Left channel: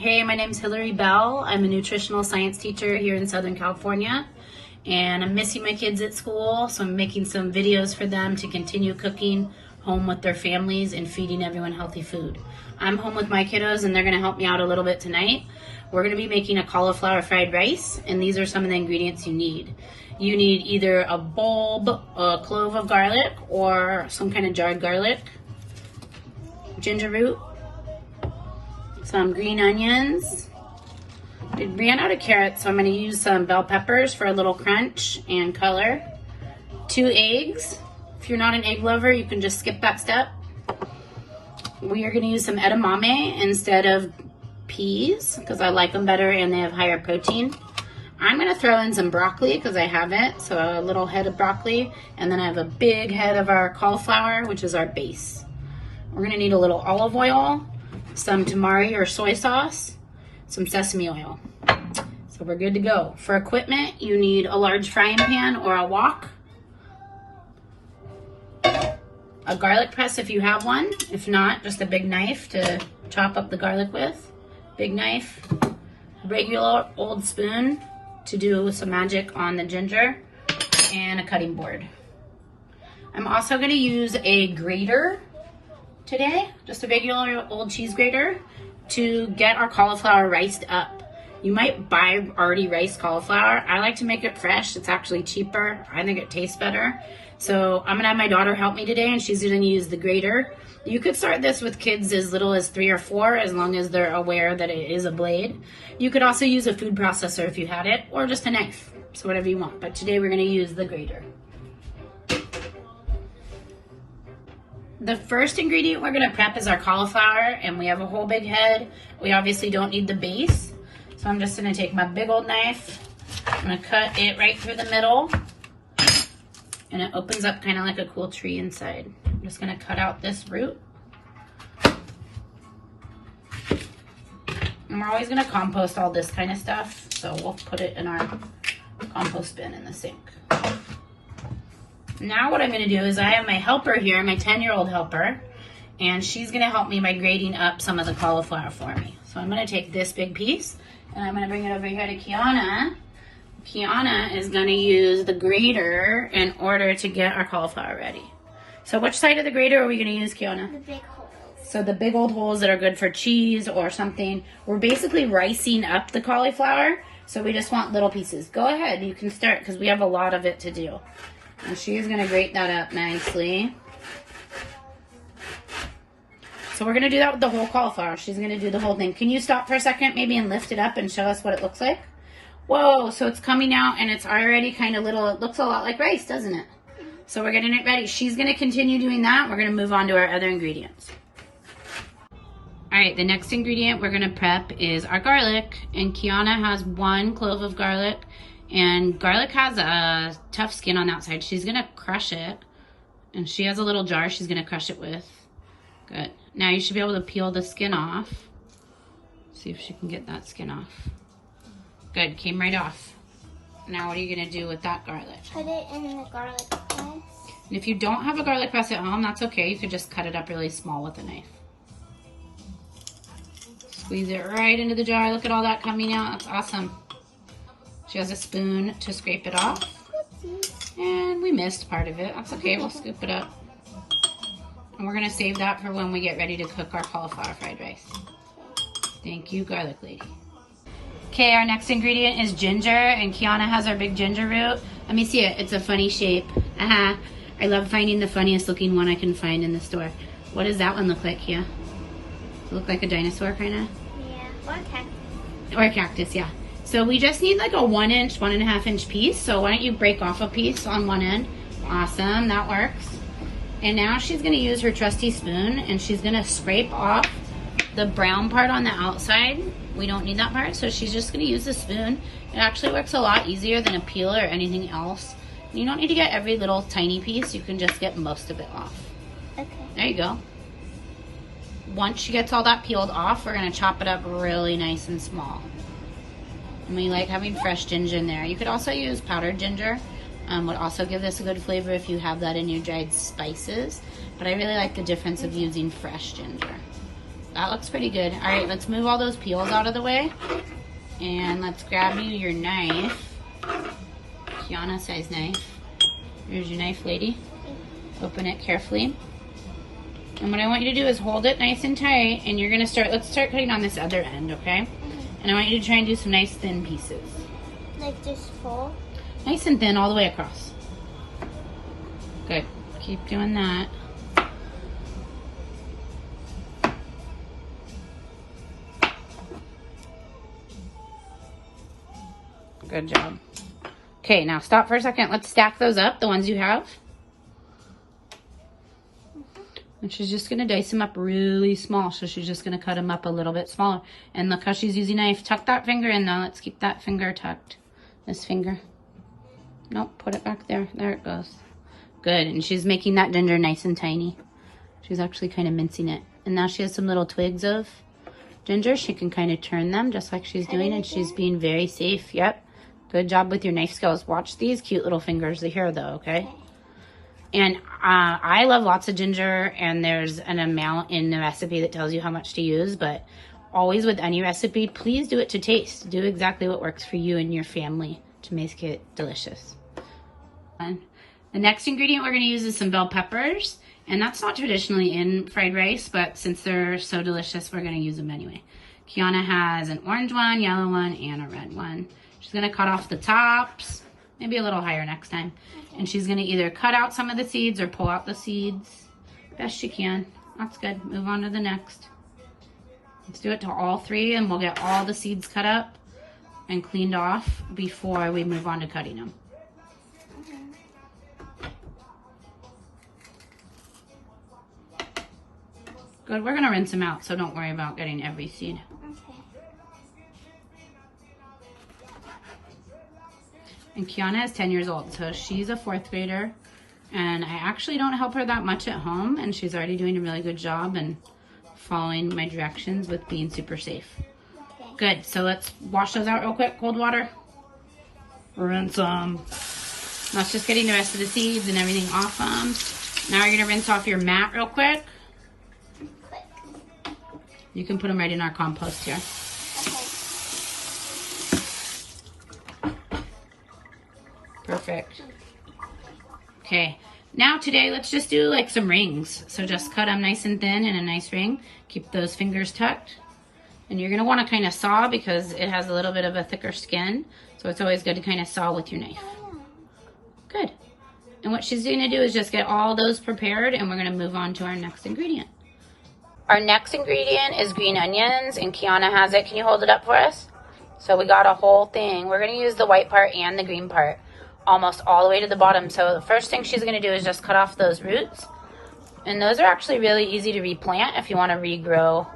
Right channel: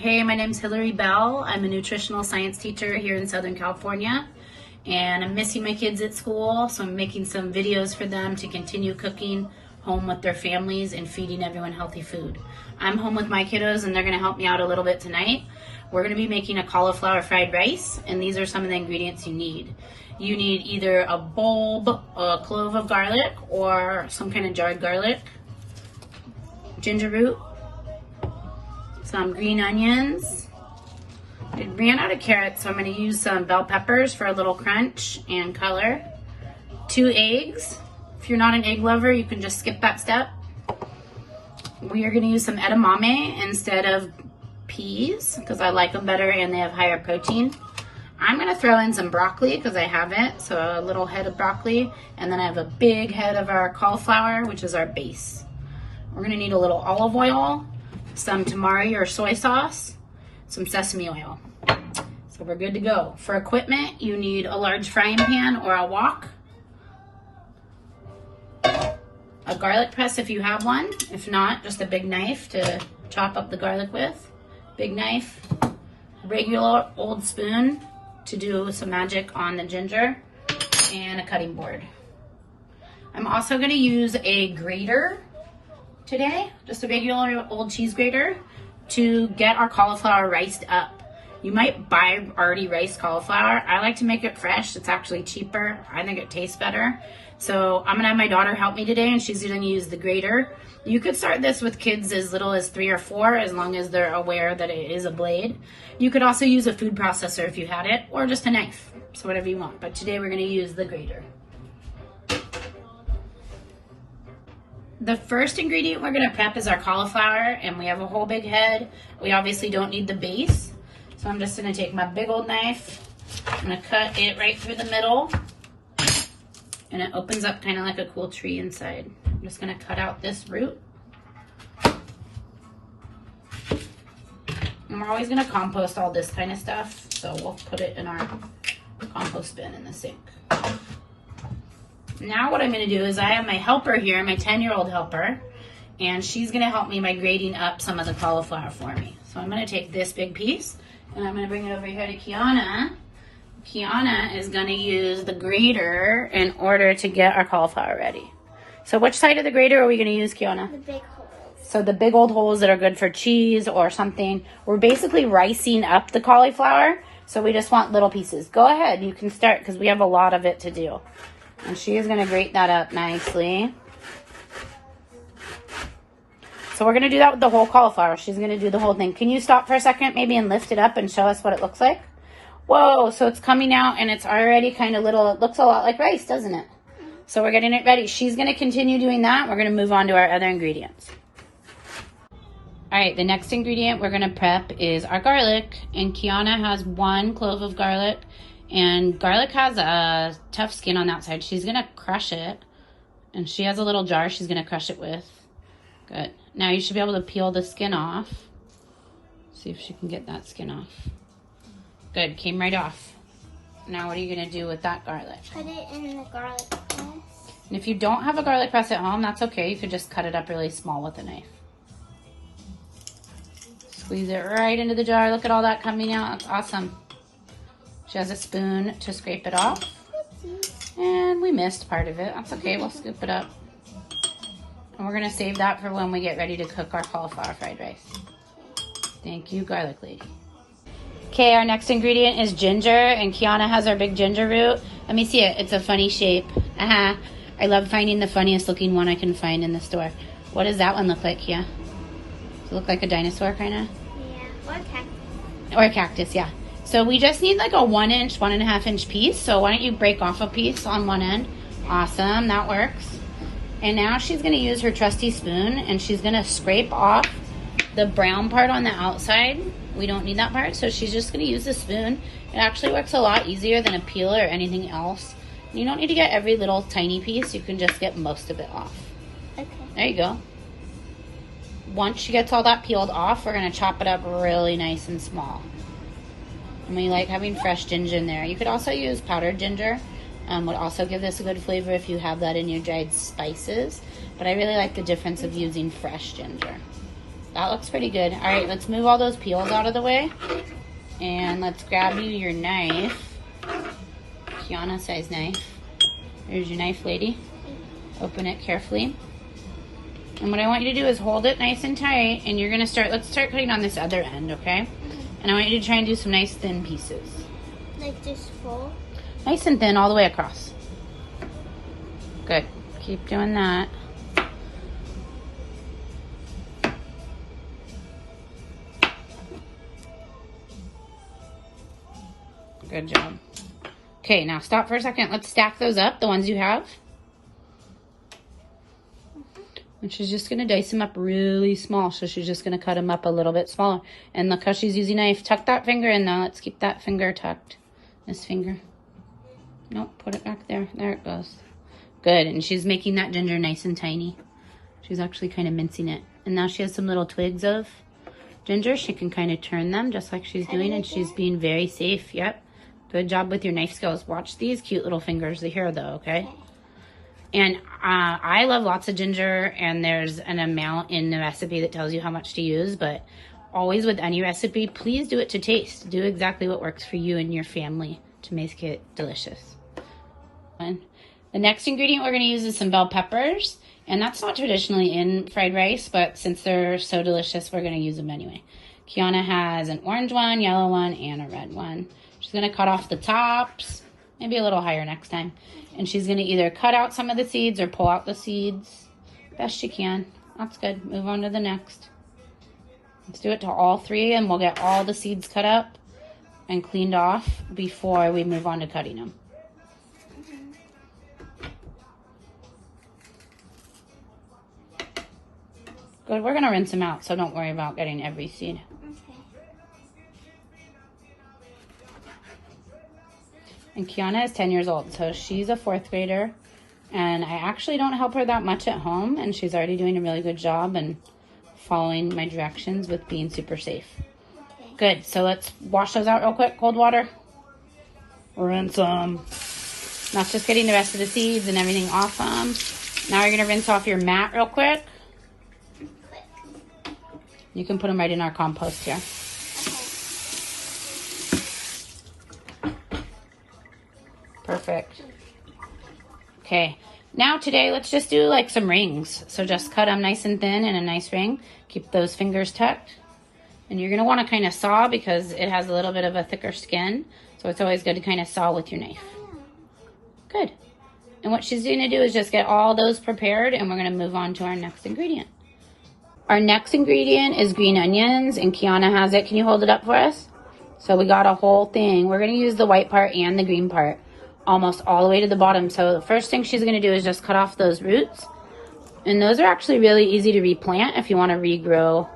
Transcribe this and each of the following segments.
Hey, my name's Ms.Bell. I'm a nutritional science teacher here in Southern California, and I'm missing my kids at school, so I'm making some videos for them to continue cooking home with their families and feeding everyone healthy food. I'm home with my kiddos, and they're going to help me out a little bit tonight. We're going to be making a cauliflower fried rice, and these are some of the ingredients you need. You need either a bulb, a clove of garlic, or some kind of jarred garlic, ginger root, some green onions. I ran out of carrots, so I'm going to use some bell peppers for a little crunch and color. 2 eggs. If you're not an egg lover, you can just skip that step. We are going to use some edamame instead of peas because I like them better and they have higher protein. I'm going to throw in some broccoli because I have it, so a little head of broccoli, and then I have a big head of our cauliflower, which is our base. We're going to need a little olive oil, some tamari or soy sauce, some sesame oil. So we're good to go. For equipment, you need a large frying pan or a wok, a garlic press if you have one. If not, just a big knife to chop up the garlic with. Big knife, a regular old spoon to do some magic on the ginger, and a cutting board. I'm also going to use a grater today, just a regular old cheese grater, to get our cauliflower riced up. You might buy already riced cauliflower. I like to make it fresh. It's actually cheaper. I think it tastes better. So I'm gonna have my daughter help me today, and she's gonna use the grater. You could start this with kids as little as 3 or 4, as long as they're aware that it is a blade. You could also use a food processor if you had it, or just a knife, so whatever you want. But today we're gonna use the grater. The first ingredient we're gonna prep is our cauliflower, and we have a whole big head. We obviously don't need the base, so I'm just gonna take my big old knife. I'm gonna cut it right through the middle, and it opens up kind of like a cool tree inside. I'm just gonna cut out this root. And we're always gonna compost all this kind of stuff, so we'll put it in our compost bin in the sink. Now what I'm going to do is I have my helper here, my 10-year-old helper, and she's going to help me by grating up some of the cauliflower for me. So I'm going to take this big piece, and I'm going to bring it over here to Kiana. Kiana is going to use the grater in order to get our cauliflower ready. So which side of the grater are we going to use, Kiana? The big holes. So the big old holes that are good for cheese or something. We're basically ricing up the cauliflower, so we just want little pieces. Go ahead, you can start because we have a lot of it to do. And she is going to grate that up nicely. So we're going to do that with the whole cauliflower. She's going to do the whole thing. Can you stop for a second maybe and lift it up and show us what it looks like? Whoa, so it's coming out and it's already kind of little. It looks a lot like rice, doesn't it? So we're getting it ready. She's going to continue doing that. We're going to move on to our other ingredients. All right, the next ingredient we're going to prep is our garlic. And Kiana has 1 clove of garlic. And garlic has a tough skin on the outside. She's going to crush it. And she has a little jar she's going to crush it with. Good. Now you should be able to peel the skin off. See if she can get that skin off. Good. Came right off. Now what are you going to do with that garlic? Put it in the garlic press. And if you don't have a garlic press at home, that's okay. You could just cut it up really small with a knife. Squeeze it right into the jar. Look at all that coming out. That's awesome. She has a spoon to scrape it off. And we missed part of it. That's okay, we'll scoop it up. And we're gonna save that for when we get ready to cook our cauliflower fried rice. Thank you, garlic lady. Okay, our next ingredient is ginger, and Kiana has our big ginger root. Let me see it, it's a funny shape. I love finding the funniest looking one I can find in the store. What does that one look like, Kia? Does it look like a dinosaur, kinda? Yeah, or a cactus. Or a cactus, yeah. So we just need like a 1-inch, 1.5-inch piece. So why don't you break off a piece on one end? Awesome, that works. And now she's gonna use her trusty spoon and she's gonna scrape off the brown part on the outside. We don't need that part, so she's just gonna use the spoon. It actually works a lot easier than a peeler or anything else. You don't need to get every little tiny piece, you can just get most of it off. Okay. There you go. Once she gets all that peeled off, we're gonna chop it up really nice and small. And we like having fresh ginger in there. You could also use powdered ginger. Would also give this a good flavor if you have that in your dried spices. But I really like the difference of using fresh ginger. That looks pretty good. All right, let's move all those peels out of the way. And let's grab you your knife. Kiana size knife. Here's your knife, lady. Open it carefully. And what I want you to do is hold it nice and tight, and you're gonna let's start cutting on this other end, okay? And I want you to try and do some nice thin pieces. Like this full? Nice and thin all the way across. Good, keep doing that. Good job. Okay, now stop for a second. Let's stack those up, the ones you have. And she's just going to dice them up really small. So she's just going to cut them up a little bit smaller. And look how she's using a knife. Tuck that finger in now. Let's keep that finger tucked. This finger. Nope, put it back there. There it goes. Good. And she's making that ginger nice and tiny. She's actually kind of mincing it. And now she has some little twigs of ginger. She can kind of turn them just like she's doing. And she's being very safe. Yep. Good job with your knife skills. Watch these cute little fingers here though, okay? And I love lots of ginger, and there's an amount in the recipe that tells you how much to use, but always with any recipe, please do it to taste. Do exactly what works for you and your family to make it delicious. And the next ingredient we're going to use is some bell peppers, and that's not traditionally in fried rice, but since they're so delicious, we're going to use them anyway. Kiana has an orange one, yellow one, and a red one. She's going to cut off the tops, maybe a little higher next time. And she's going to either cut out some of the seeds or pull out the seeds. Best she can. That's good. Move on to the next. Let's do it to all three, and we'll get all the seeds cut up and cleaned off before we move on to cutting them. Good. We're going to rinse them out, so don't worry about getting every seed. And Kiana is 10 years old, so she's a 4th grader, and I actually don't help her that much at home, and she's already doing a really good job and following my directions with being super safe. Okay. Good, so let's wash those out real quick, cold water. Rinse them. That's just getting the rest of the seeds and everything off them. Now you're gonna rinse off your mat real quick. You can put them right in our compost here. Perfect. Okay, now today let's just do like some rings. So just cut them nice and thin in a nice ring. Keep those fingers tucked. And you're going to want to kind of saw because it has a little bit of a thicker skin. So it's always good to kind of saw with your knife. Good. And what she's going to do is just get all those prepared, and we're going to move on to our next ingredient. Our next ingredient is green onions, and Kiana has it. Can you hold it up for us? So we got a whole thing. We're going to use the white part and the green part almost all the way to the bottom. So the first thing she's going to do is just cut off those roots. And those are actually really easy to replant if you want to regrow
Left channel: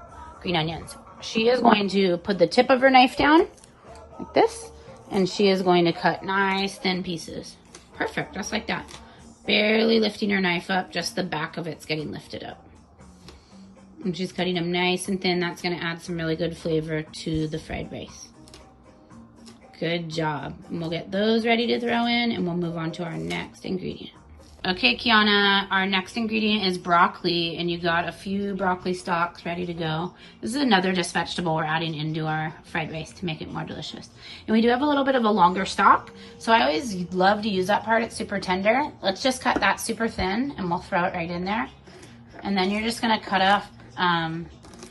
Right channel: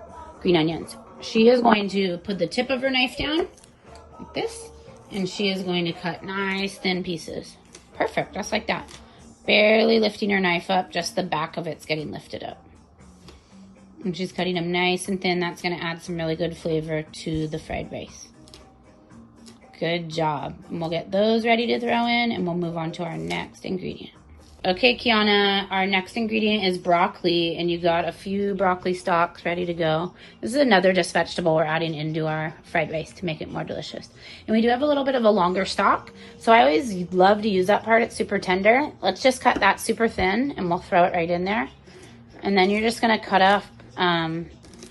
green onions. She is going to put the tip of her knife down like this, and she is going to cut nice thin pieces. Perfect, just like that. Barely lifting her knife up, just the back of it's getting lifted up. And she's cutting them nice and thin. That's going to add some really good flavor to the fried rice. Good job. And we'll get those ready to throw in, and we'll move on to our next ingredient. Okay, Kiana, our next ingredient is broccoli, and you got a few broccoli stalks ready to go. This is another just vegetable we're adding into our fried rice to make it more delicious. And we do have a little bit of a longer stalk, so I always love to use that part. It's super tender. Let's just cut that super thin, and we'll throw it right in there. And then you're just going to cut off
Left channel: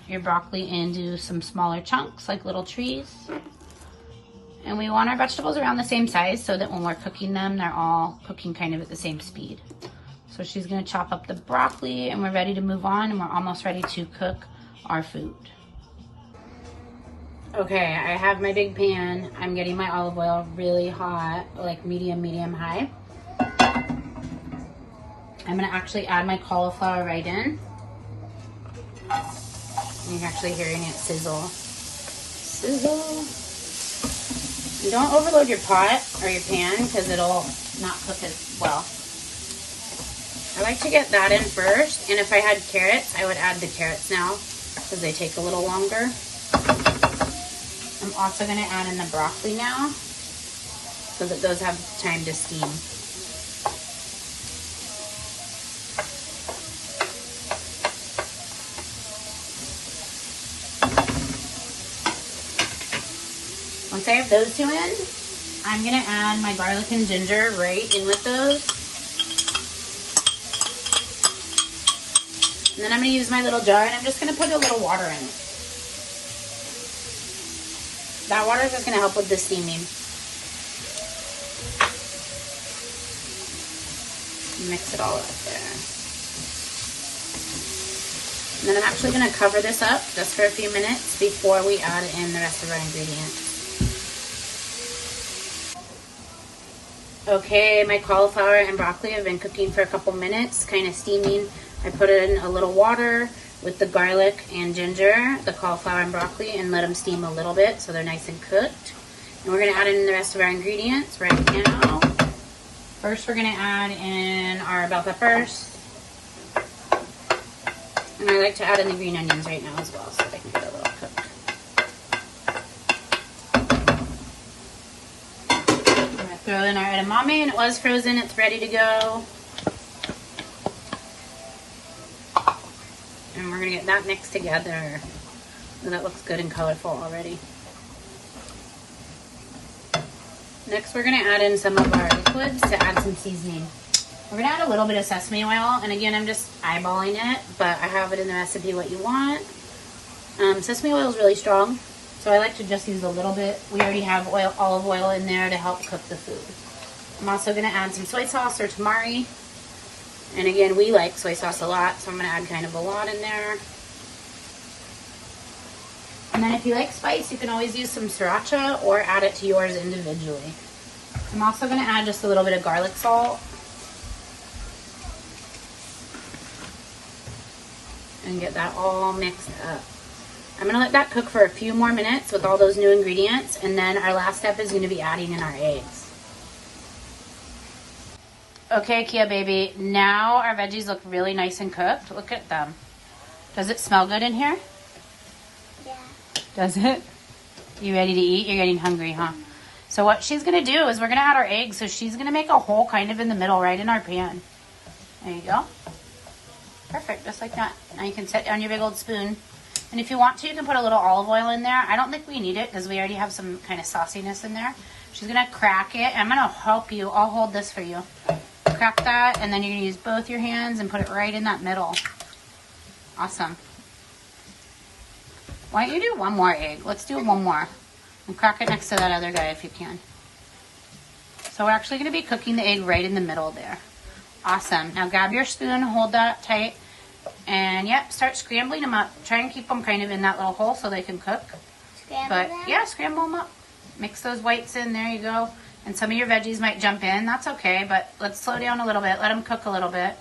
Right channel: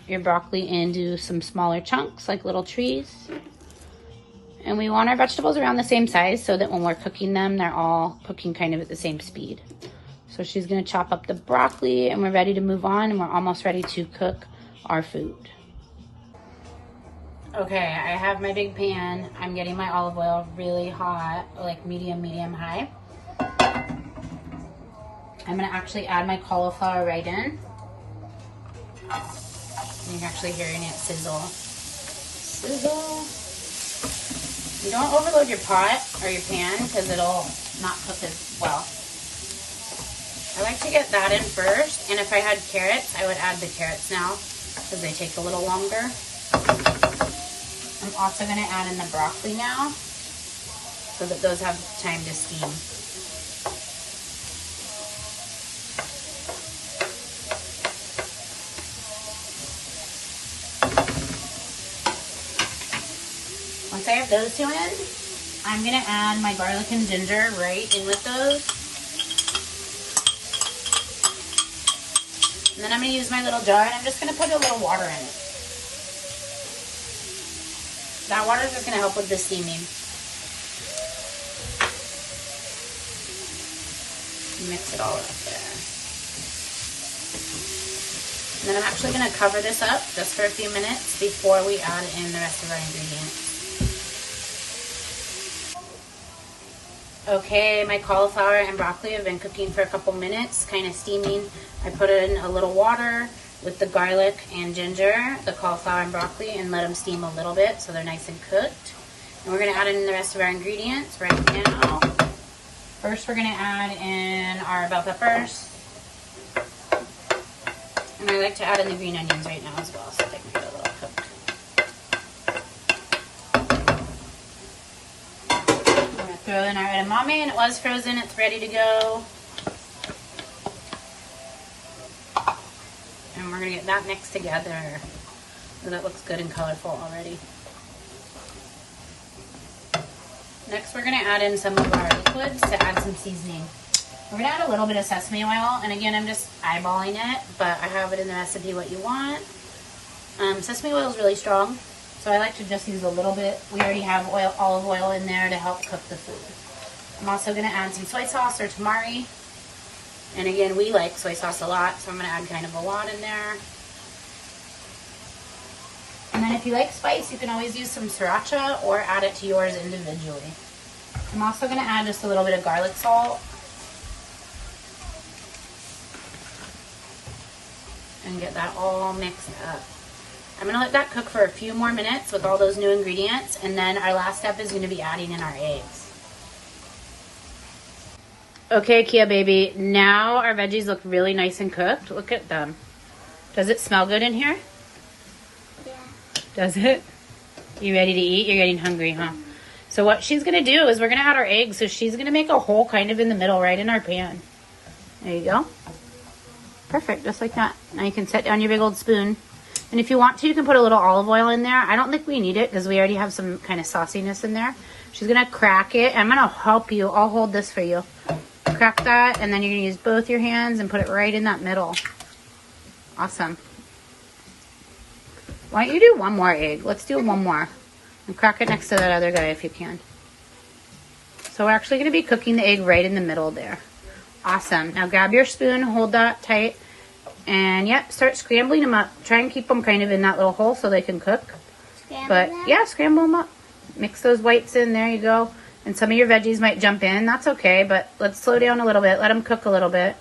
your broccoli into some smaller chunks, like little trees. And we want our vegetables around the same size so that when we're cooking them, they're all cooking kind of at the same speed. So she's going to chop up the broccoli, and we're ready to move on, and we're almost ready to cook our food. Okay, I have my big pan. I'm getting my olive oil really hot, like medium high. I'm going to actually add my cauliflower right in. You're actually hearing it sizzle. Sizzle. You don't overload your pot or your pan because it'll not cook as well. I like to get that in first, and if I had carrots, I would add the carrots now because they take a little longer. I'm also going to add in the broccoli now so that those have time to steam. I have those two in, I'm gonna add my garlic and ginger right in with those. And then I'm gonna use my little jar and I'm just gonna put a little water in it. That water is just gonna help with the steaming. Mix it all up there. And then I'm actually gonna cover this up just for a few minutes before we add in the rest of our ingredients. Okay, my cauliflower and broccoli have been cooking for a couple minutes, kind of steaming. I put in a little water with the garlic and ginger, the cauliflower and broccoli, and let them steam a little bit so they're nice and cooked. And we're gonna add in the rest of our ingredients right now. First, we're gonna add in our bell peppers. And I like to add in the green onions right now as well so they can get a little cooked. Throw in our edamame, and it was frozen. It's ready to go. And we're going to get that mixed together. So that looks good and colorful already. Next, we're going to add in some of our liquids to add some seasoning. We're going to add a little bit of sesame oil. And again, I'm just eyeballing it, but I have it in the recipe what you want. Sesame oil is really strong. So I like to just use a little bit. We already have olive oil in there to help cook the food. I'm also going to add some soy sauce or tamari. And again, we like soy sauce a lot, so I'm going to add kind of a lot in there. And then if you like spice, you can always use some sriracha or add it to yours individually. I'm also going to add just a little bit of garlic salt. And get that all mixed up. I'm going to let that cook for a few more minutes with all those new ingredients, and then our last step is going to be adding in our eggs. Okay, Kia baby, now our veggies look really nice and cooked. Look at them. Does it smell good in here? Yeah. Does it? You ready to eat? You're getting hungry, huh? So what she's going to do is we're going to add our eggs, so she's going to make a hole kind of in the middle right in our pan. There you go. Perfect, just like that. Now you can set down your big old spoon. And if you want to, you can put a little olive oil in there. I don't think we need it because we already have some kind of sauciness in there. She's going to crack it. I'm going to help you. I'll hold this for you. Crack that, and then you're going to use both your hands and put it right in that middle. Awesome. Why don't you do one more egg? Let's do one more. And crack it next to that other guy if you can. So we're actually going to be cooking the egg right in the middle there. Awesome. Now grab your spoon, hold that tight. And yep, start scrambling them up. Try and keep them kind of in that little hole so they can cook. Yeah, scramble them up. Mix those whites in. There you go. And some of your veggies might jump in. That's okay, but let's slow down a little bit. Let them cook a little bit.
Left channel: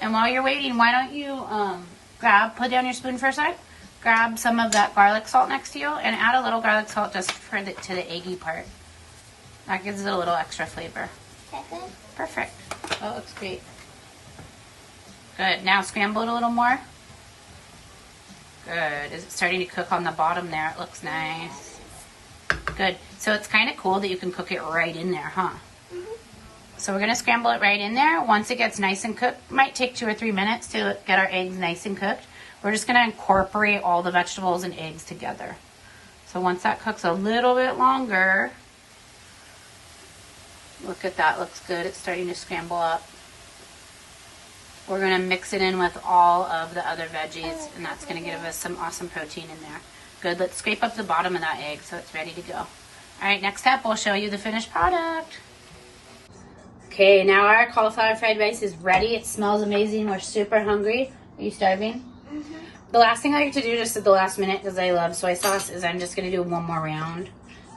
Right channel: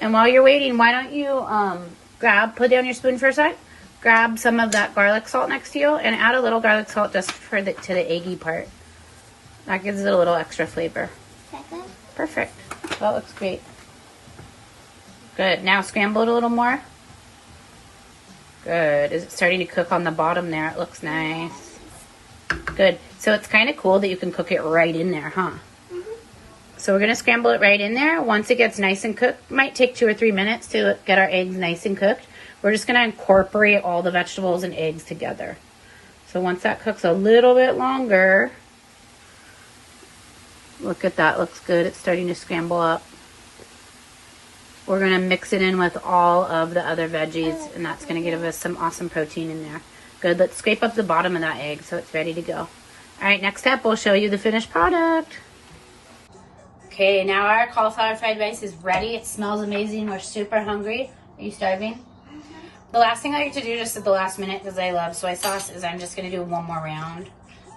And while you're waiting, why don't you put down your spoon for a sec. Grab some of that garlic salt next to you and add a little garlic salt just to the eggy part. That gives it a little extra flavor. Perfect. That looks great. Good. Now scramble it a little more. Good. Is it starting to cook on the bottom there? It looks nice. Good. So it's kind of cool that you can cook it right in there, huh? So we're going to scramble it right in there. Once it gets nice and cooked, might take 2 or 3 minutes to get our eggs nice and cooked. We're just going to incorporate all the vegetables and eggs together. So once that cooks a little bit longer, look at that. Looks good. It's starting to scramble up. We're going to mix it in with all of the other veggies, and that's going to give us some awesome protein in there. Good. Let's scrape up the bottom of that egg so it's ready to go. All right, next step, we'll show you the finished product. Okay, now our cauliflower fried rice is ready. It smells amazing. We're super hungry. Are you starving? Mm-hmm. The last thing I like to do just at the last minute, because I love soy sauce, is I'm just going to do one more round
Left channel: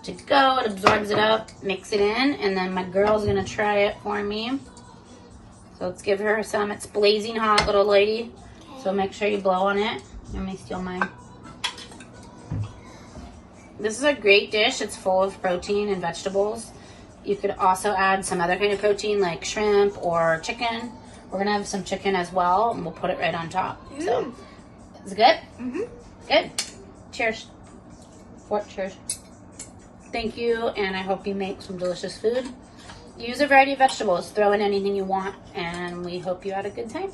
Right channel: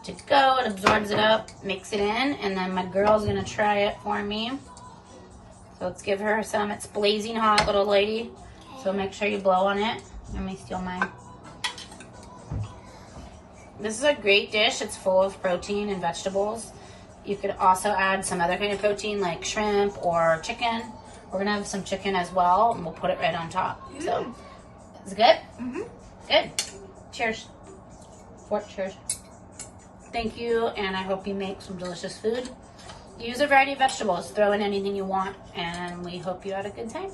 to go. It absorbs it up, mix it in, and then my girl's going to try it for me. So let's give her some. It's blazing hot, little lady. Okay. So make sure you blow on it. Let me steal mine. This is a great dish. It's full of protein and vegetables. You could also add some other kind of protein like shrimp or chicken. We're going to have some chicken as well, and we'll put it right on top. So, is it good? Mm-hmm. Good. Cheers. Cheers. Thank you, and I hope you make some delicious food. Use a variety of vegetables. Throw in anything you want, and we hope you had a good time.